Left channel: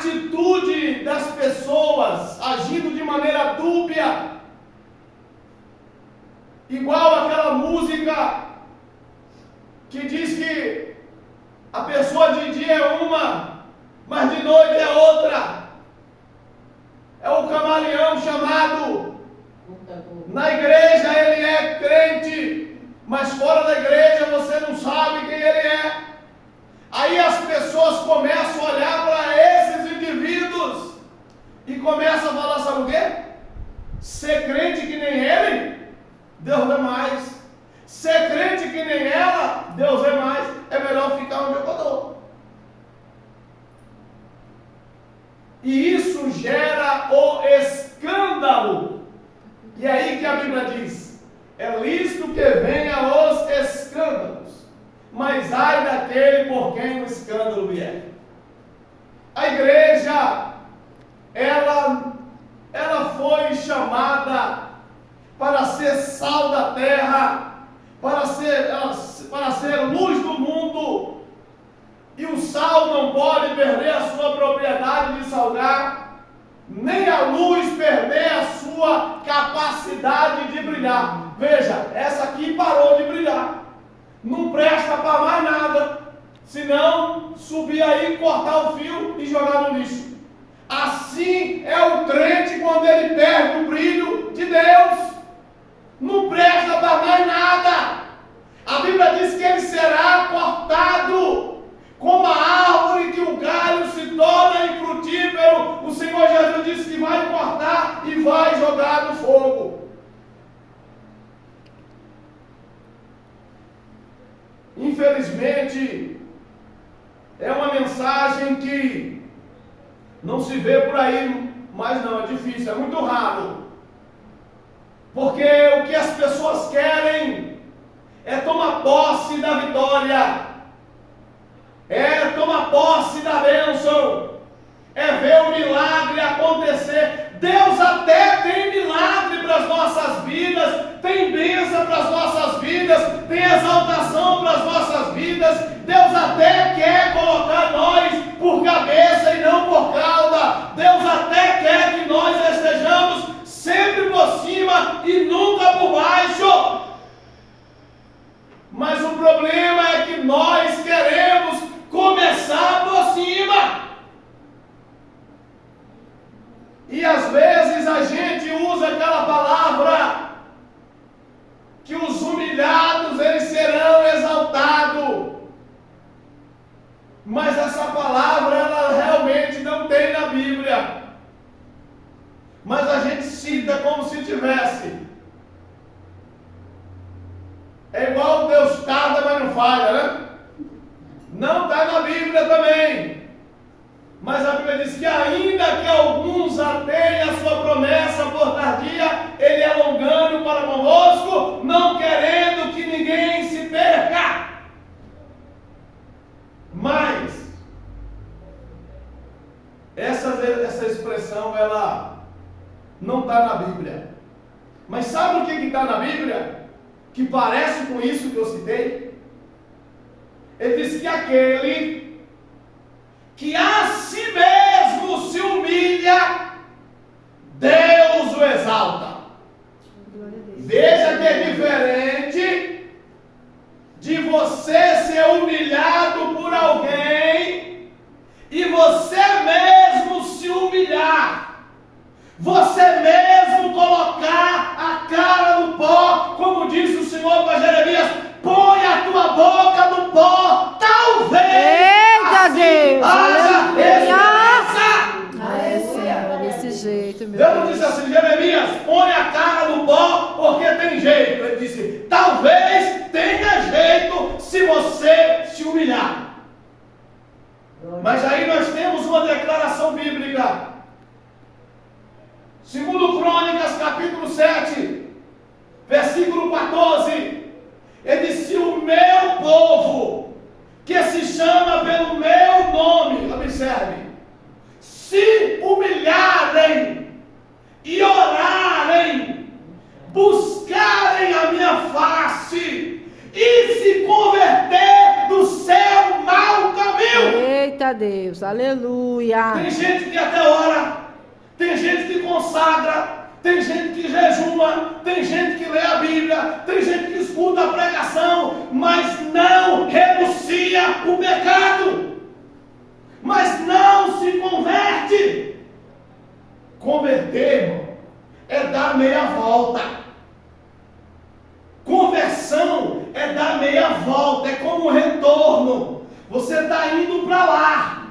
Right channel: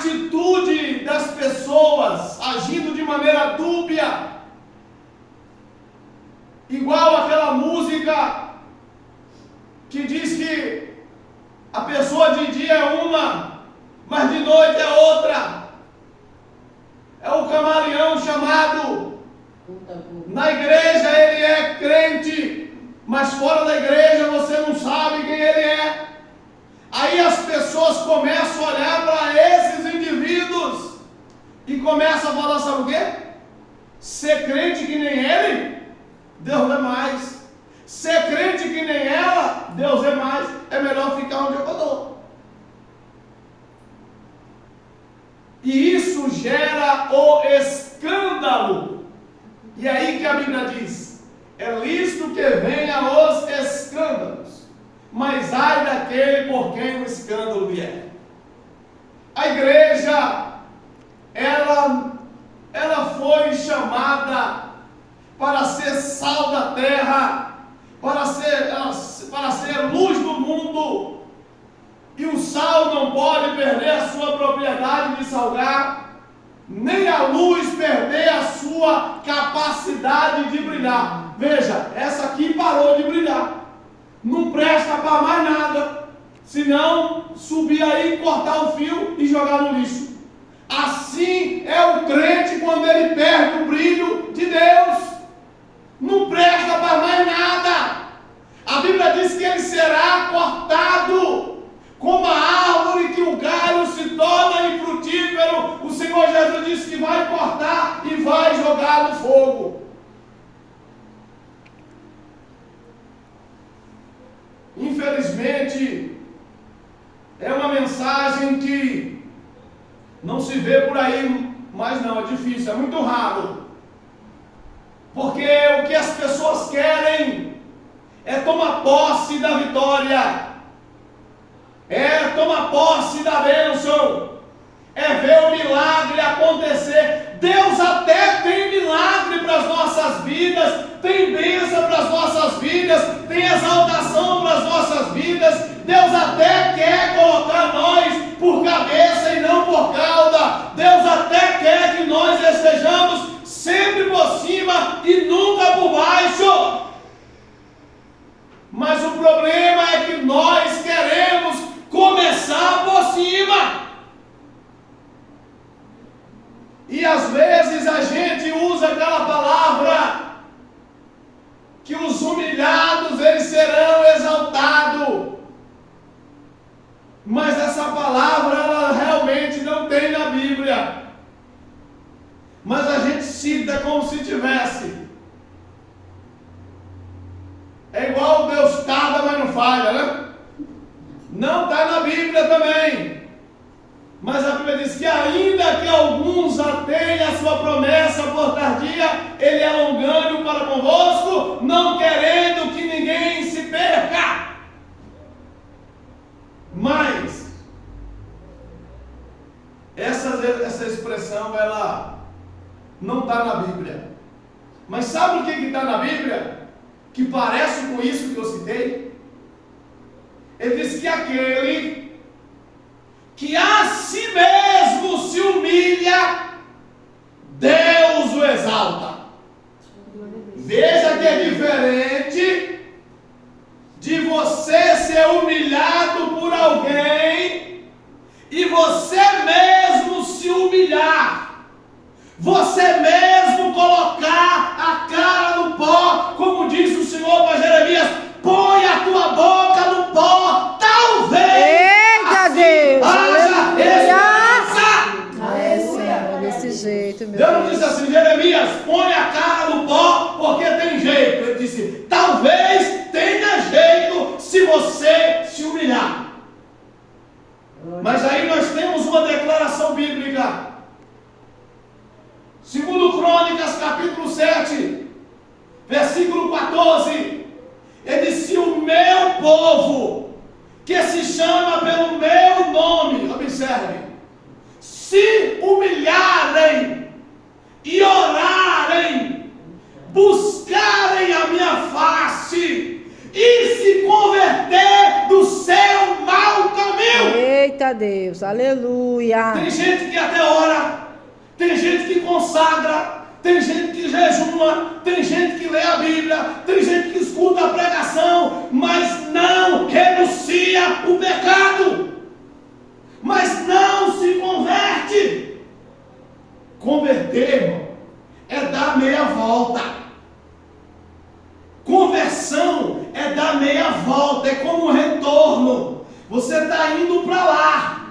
atitude das pessoas agindo de maneira dúbia, igual aquela música que diz que a pessoa de dia é uma, mas de noite é outra. É o camaleão chamado. Na igreja ele é crente, mas fora da igreja você não sabe quem ele é. Aí as pessoas começam a olhar para esses indivíduos e começam a falar, sabe o quê? Ser crente que nem ele, Deus é mais. Ser crente que nem ela, Deus é mais. É melhor ficar onde eu estou. E isso gera o escândalo. E aí que a Bíblia diz: é lícito que venha os escândalos, mas ai daquele por quem o escândalo vier. A igreja, ela foi chamada para ser sal da terra, para ser luz do mundo. E o sal não pode perder a sua propriedade de salgar, nem a luz perder a sua capacidade de brilhar. Veja, essa aqui parou de brilhar. Não presta para mais nada, senão subir aí, cortar o fio e jogar no lixo. Assim é o crente quando ele perde o brilho de Deus. Não presta para mais nada. A Bíblia diz que ele será cortado como a árvore que o galho se torna infrutífero. O Senhor Jesus disse que vai cortar e vai jogar no fogo. Infelizmente, é uma mensagem que não se vê por aí, mas não, é difícil, é muito raro. Porque o que as pessoas querem é tomar posse da vitória, é tomar posse da bênção, é ver o milagre acontecer. Deus até tem milagre para as nossas vidas, tem bênção para as nossas vidas, tem exaltação para as nossas vidas. Deus até quer colocar nós por cabeça e não por cauda. Deus até quer que nós estejamos sempre por cima e nunca por baixo. Mas o problema é que nós queremos começar por cima. E às vezes a gente usa aquela palavra que os humilhados eles serão exaltados. Mas essa palavra ela realmente não tem na Bíblia. Mas a gente cita como se tivesse. É igual Deus tarda, mas não falha, né? Não está na Bíblia também. Mas a Bíblia diz que ainda que alguns atenham a sua promessa por tardia, ele é longânimo para convosco, não querendo que ninguém se perca. Mas essa expressão ela não está na Bíblia. Mas sabe o que está na Bíblia? Que parece com isso que eu citei? Ele diz que aquele que a si mesmo se humilha, Deus o exalta. Veja que é diferente de você ser humilhado por alguém e você mesmo se humilhar. Você mesmo colocar a cara no pó, como disse o Senhor para Jeremias: põe a tua boca no pó, talvez. Eita assim Deus! Aleluia! É, Senhor, desse jeito, meu Deus não Deus. disse assim: Jeremias, põe a cara no pó, porque tem jeito. Ele disse: talvez tenha jeito se você se humilhar. Mas aí nós temos uma declaração bíblica. Segundo Crônicas, capítulo 7, versículo 14, ele diz: se o meu povo, que se chama pelo meu nome, observe, se humilharem e orarem, buscarem a minha face e se converter do seu mau caminho. Eita Deus, aleluia. Tem gente que até ora, tem gente que consagra, tem gente que jejuma, tem gente que lê a Bíblia, tem gente que escuta a pregação, mas não renuncia o pecado, mas não se converte. Converter, irmão, é dar meia volta. Conversão é dar meia volta, é como um retorno. Você está indo para lá.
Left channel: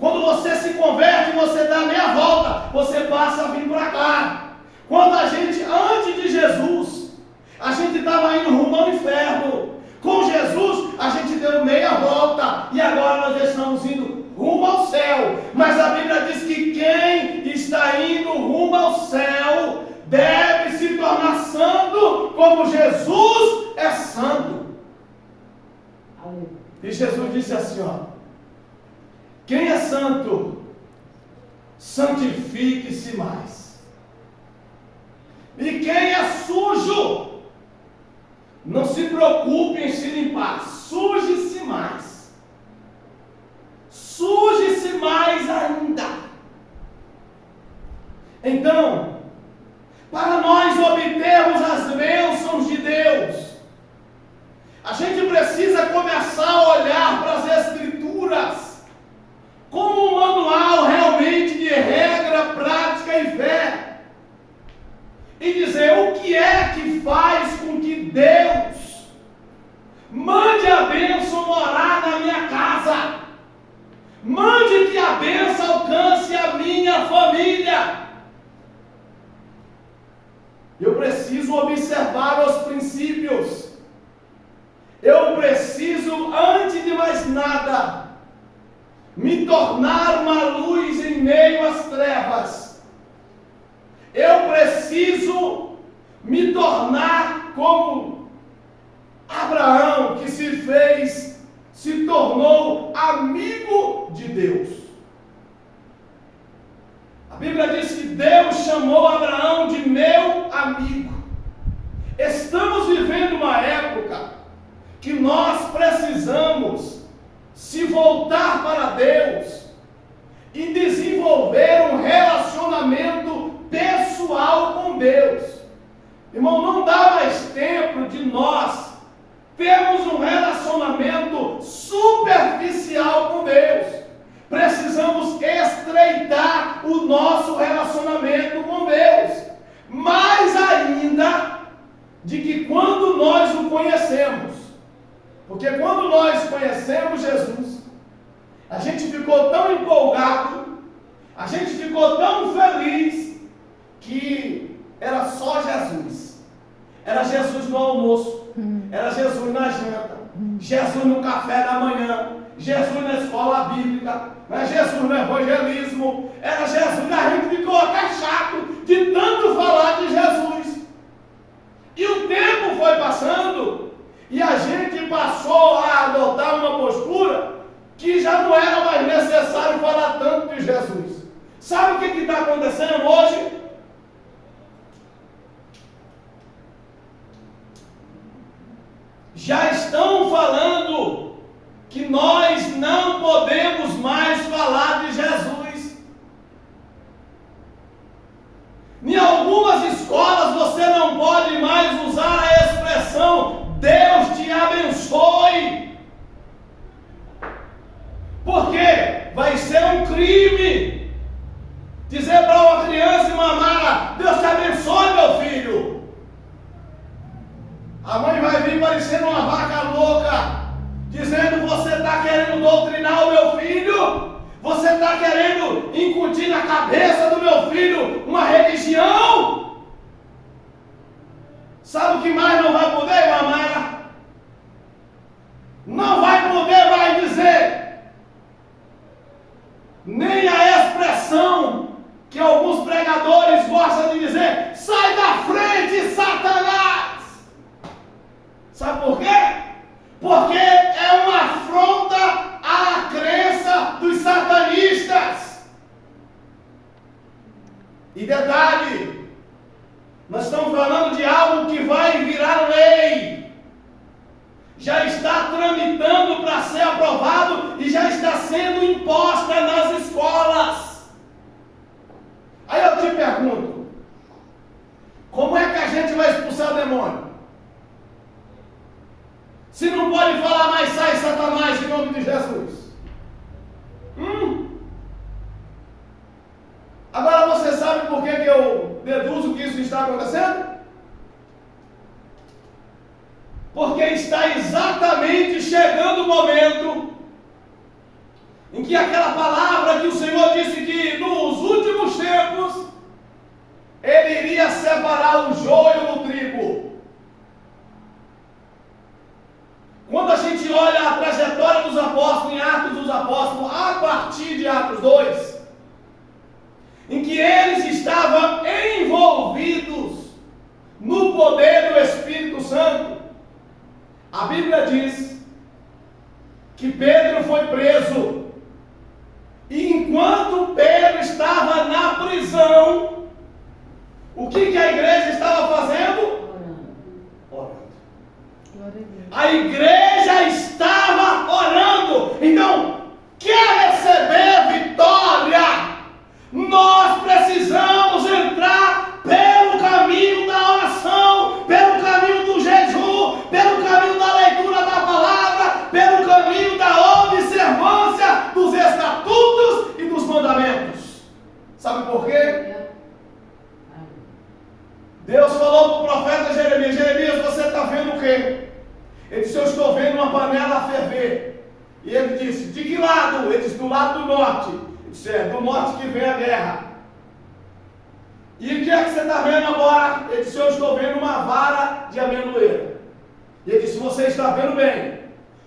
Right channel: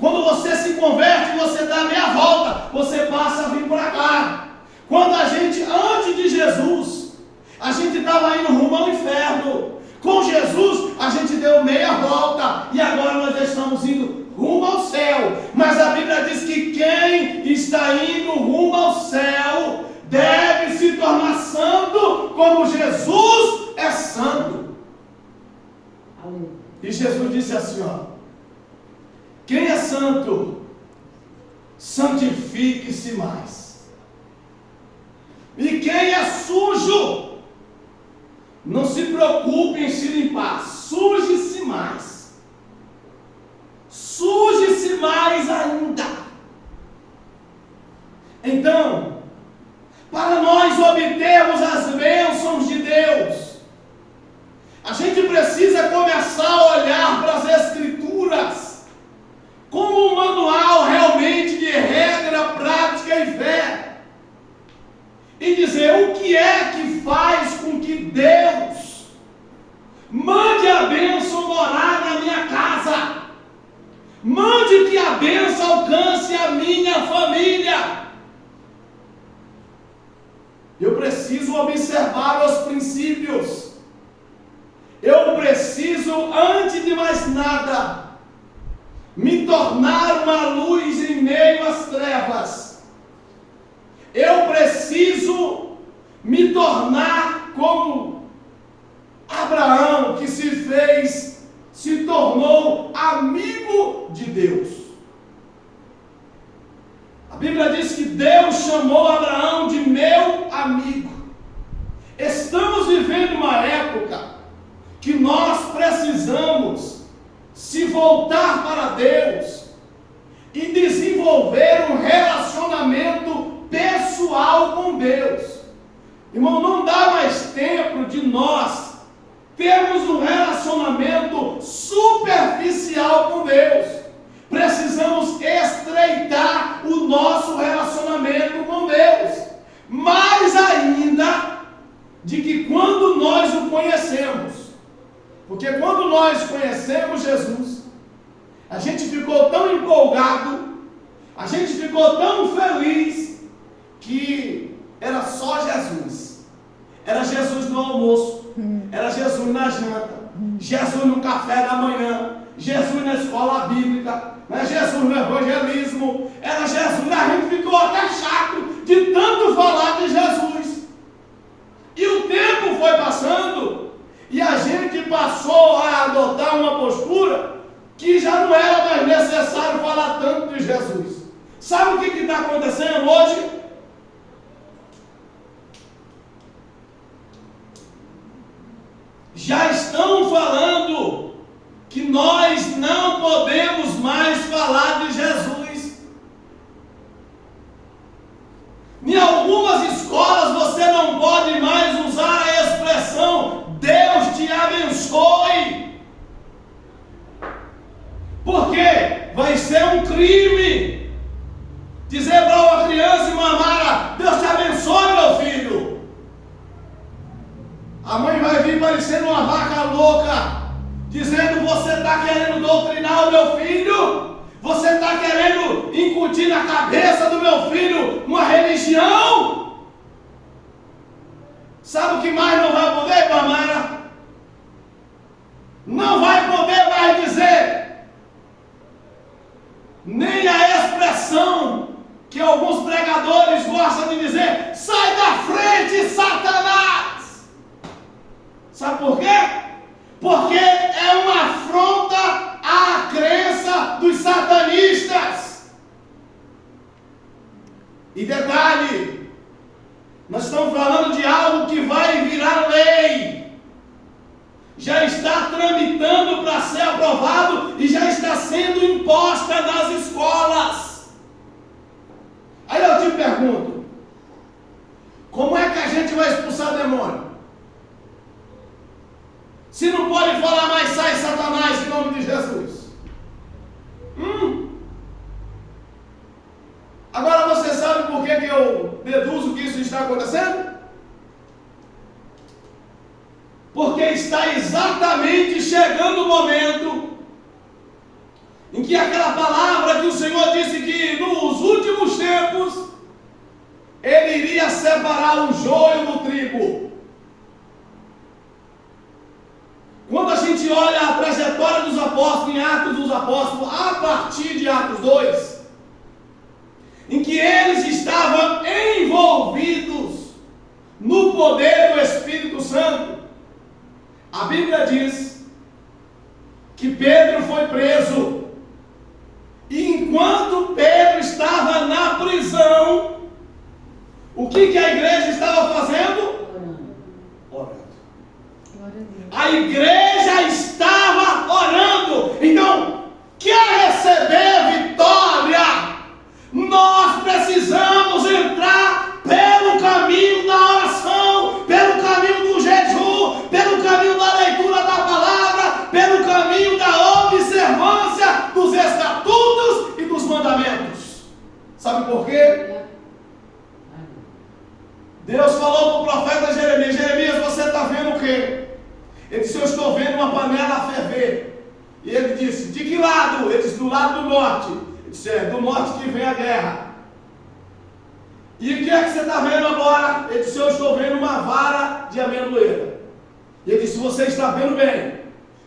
Quando você se converte, você dá meia volta, você passa a vir para cá. Quando a gente, antes de Jesus, a gente estava indo rumo ao inferno. Com Jesus, a gente deu meia volta e agora nós estamos indo rumo ao céu. Mas a Bíblia diz que quem está indo rumo ao céu deve se tornar santo como Jesus é santo. E Jesus disse assim, ó: quem é santo, santifique-se mais. E quem é sujo, não se preocupe em se limpar, suje-se mais. Suje-se mais ainda. Então, para nós obtermos as bênçãos de Deus, a gente precisa começar a olhar para as Escrituras como um manual realmente de regra, prática e fé. E dizer o que é que faz com que Deus mande a bênção morar na minha casa. Mande que a bênção alcance a minha família. Eu preciso observar os princípios. Eu preciso, antes de mais nada, me tornar uma luz em meio às trevas. Eu preciso me tornar como Abraão, que se tornou amigo de Deus. A Bíblia diz que Deus chamou Abraão de meu amigo. Estamos vivendo uma época que nós precisamos se voltar para Deus e desenvolver um relacionamento pessoal com Deus. Irmão, não dá mais tempo de nós termos um relacionamento superficial com Deus. Precisamos estreitar o nosso relacionamento com Deus. Mais ainda de que quando nós o conhecemos. Porque quando nós conhecemos Jesus, a gente ficou tão empolgado, a gente ficou tão feliz, que era só Jesus. Era Jesus no almoço, era Jesus na janta, Jesus no café da manhã, Jesus na escola bíblica, Jesus no evangelismo, era Jesus. A gente ficou até chato de tanto falar de Jesus. E o tempo foi passando e a gente passou a adotar uma postura que já não era mais necessário falar tanto de Jesus. Sabe o que está acontecendo hoje? Já estão falando que nós não podemos mais falar de Jesus. Em algumas escolas você não pode mais usar a expressão Deus te abençoe. Porque vai ser um crime dizer para uma criança e mamar: Deus te abençoe, meu filho. A mãe vai vir parecendo uma vaca louca, dizendo: você está querendo doutrinar o meu filho? Você está querendo incutir na cabeça do meu filho uma religião? Sabe o que mais não vai poder, mamãe? Não vai poder mais dizer, nem a expressão que alguns pregadores gostam de dizer: sai da frente, Satanás! Sabe por quê? Porque é uma afronta à crença dos satanistas. E detalhe, nós estamos falando de algo que vai virar lei. Já está tramitando para ser aprovado e já está sendo imposto pergunto: como é que a gente vai expulsar demônio? Se não pode falar mais, sai Satanás em nome de Jesus. Agora você sabe por que eu deduzo que isso está acontecendo? Porque está exatamente chegando o momento em que aquela palavra que o Senhor disse que nos últimos tempos Ele iria separar o joio do trigo. Quando a gente olha a trajetória dos apóstolos em Atos dos Apóstolos, a partir de Atos 2, em que eles estavam envolvidos no poder do Espírito Santo, a Bíblia diz que Pedro foi preso. E enquanto Pedro estava na prisão, o que a igreja estava fazendo? Orando. A igreja estava orando. Então, quer receber vitória? Nós precisamos entrar pelo caminho da oração, pelo caminho do jejum, pelo caminho da leitura da palavra, pelo caminho da observância dos estatutos e dos mandamentos. Sabe por quê? Deus falou para o profeta Jeremias: Jeremias, você está vendo o quê? Ele disse: eu estou vendo uma panela a ferver. E ele disse: de que lado? Ele disse: do lado do norte. Ele disse: é do norte que vem a guerra. E o que é que você está vendo agora? Ele disse: eu estou vendo uma vara de amendoeira. E ele disse: você está vendo bem,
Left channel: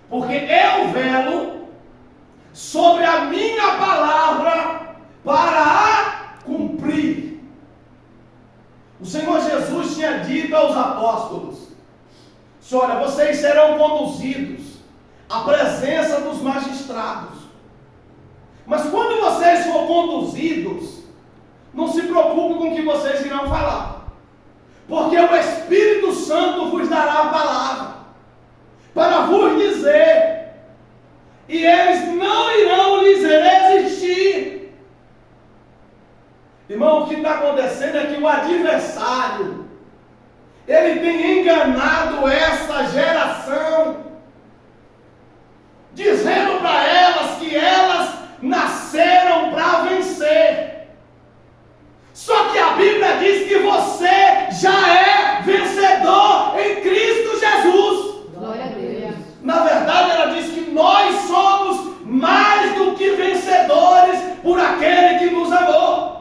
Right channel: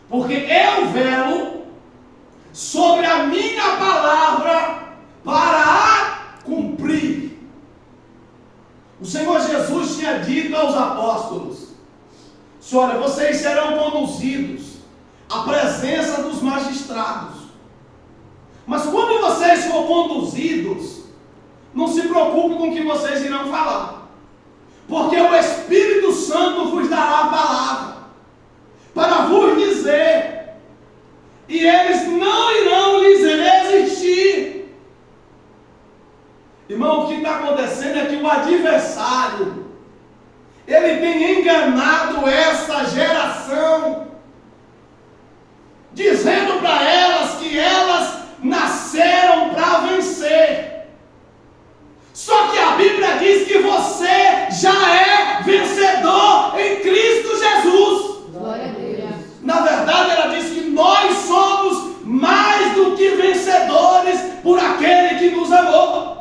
porque eu velo sobre a minha palavra para a cumprir. O Senhor Jesus tinha dito aos apóstolos: olha, vocês serão conduzidos à presença dos magistrados. Mas quando vocês forem conduzidos, não se preocupem com o que vocês irão falar, porque o Espírito Santo vos dará a palavra para vos dizer, e eles não irão lhes resistir. Irmão, o que está acontecendo é que o adversário, ele tem enganado essa geração, dizendo para elas que elas nasceram para vencer. Só que a Bíblia diz que você já é vencedor em Cristo Jesus. Glória a Deus. Na verdade, ela diz que nós somos mais do que vencedores por aquele que nos amou.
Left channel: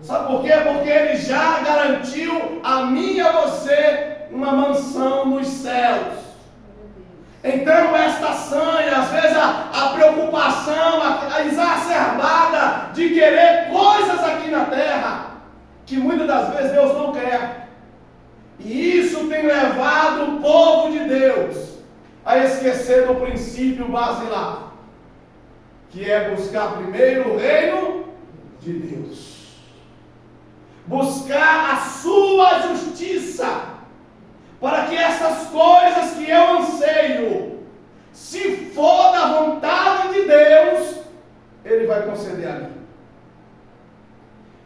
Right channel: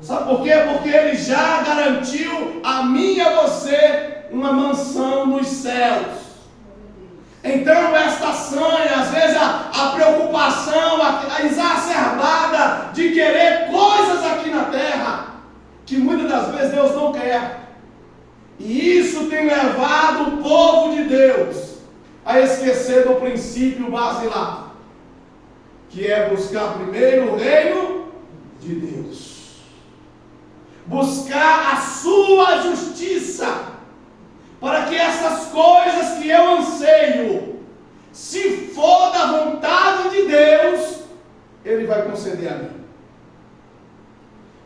Sabe por quê? Porque Ele já garantiu a mim e a você uma mansão nos céus. Então esta sanha, às vezes a preocupação, a exacerbada de querer coisas aqui na terra, que muitas das vezes Deus não quer. E isso tem levado o povo de Deus a esquecer do princípio basilar, que é buscar primeiro o reino de Deus. Buscar a sua justiça, para que essas coisas que eu anseio, se for da vontade de Deus, Ele vai conceder a mim.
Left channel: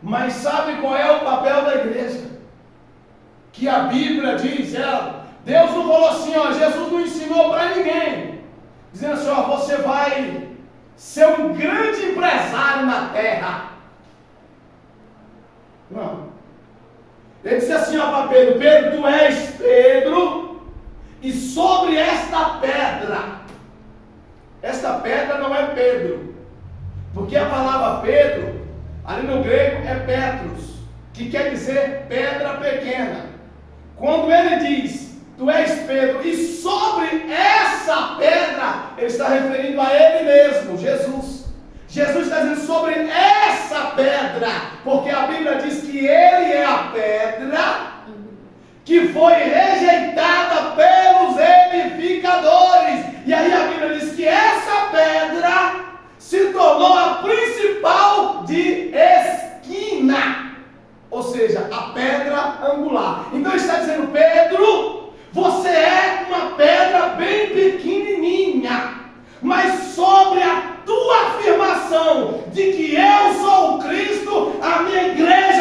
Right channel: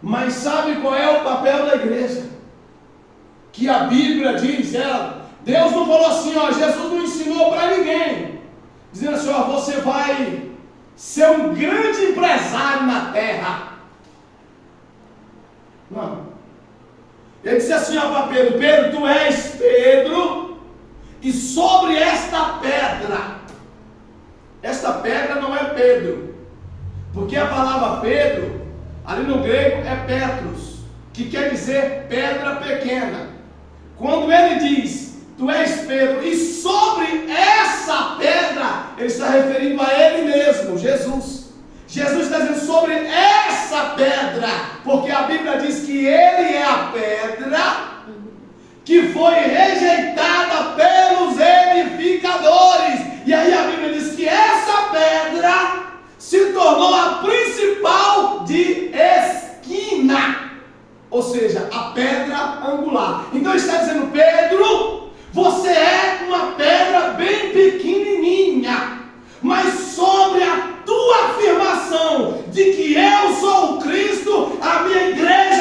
Mas sabe qual é o papel da igreja? Que a Bíblia diz, Deus não falou assim, Jesus não ensinou para ninguém, dizendo assim, você vai ser um grande empresário na terra. Não. Ele disse assim para Pedro: Pedro, tu és Pedro, e sobre esta pedra não é Pedro, porque a palavra Pedro, ali no grego, é Petros, que quer dizer pedra pequena. Quando ele diz, tu és Pedro, e sobre essa pedra, ele está referindo a ele mesmo, Jesus. Jesus está dizendo sobre essa pedra, porque a Bíblia diz que Ele é a pedra que foi rejeitada pelos edificadores. E aí a Bíblia diz que essa pedra se tornou a principal de esquina, ou seja, a pedra angular. Então ele está dizendo: Pedro, você é uma pedra bem pequenininha, mas sobre a tua afirmação de que eu sou o Cristo, a minha igreja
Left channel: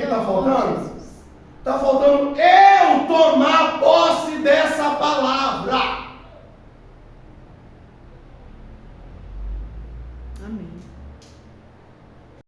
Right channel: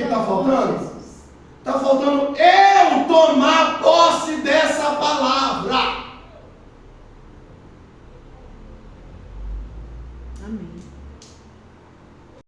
que está faltando? Está faltando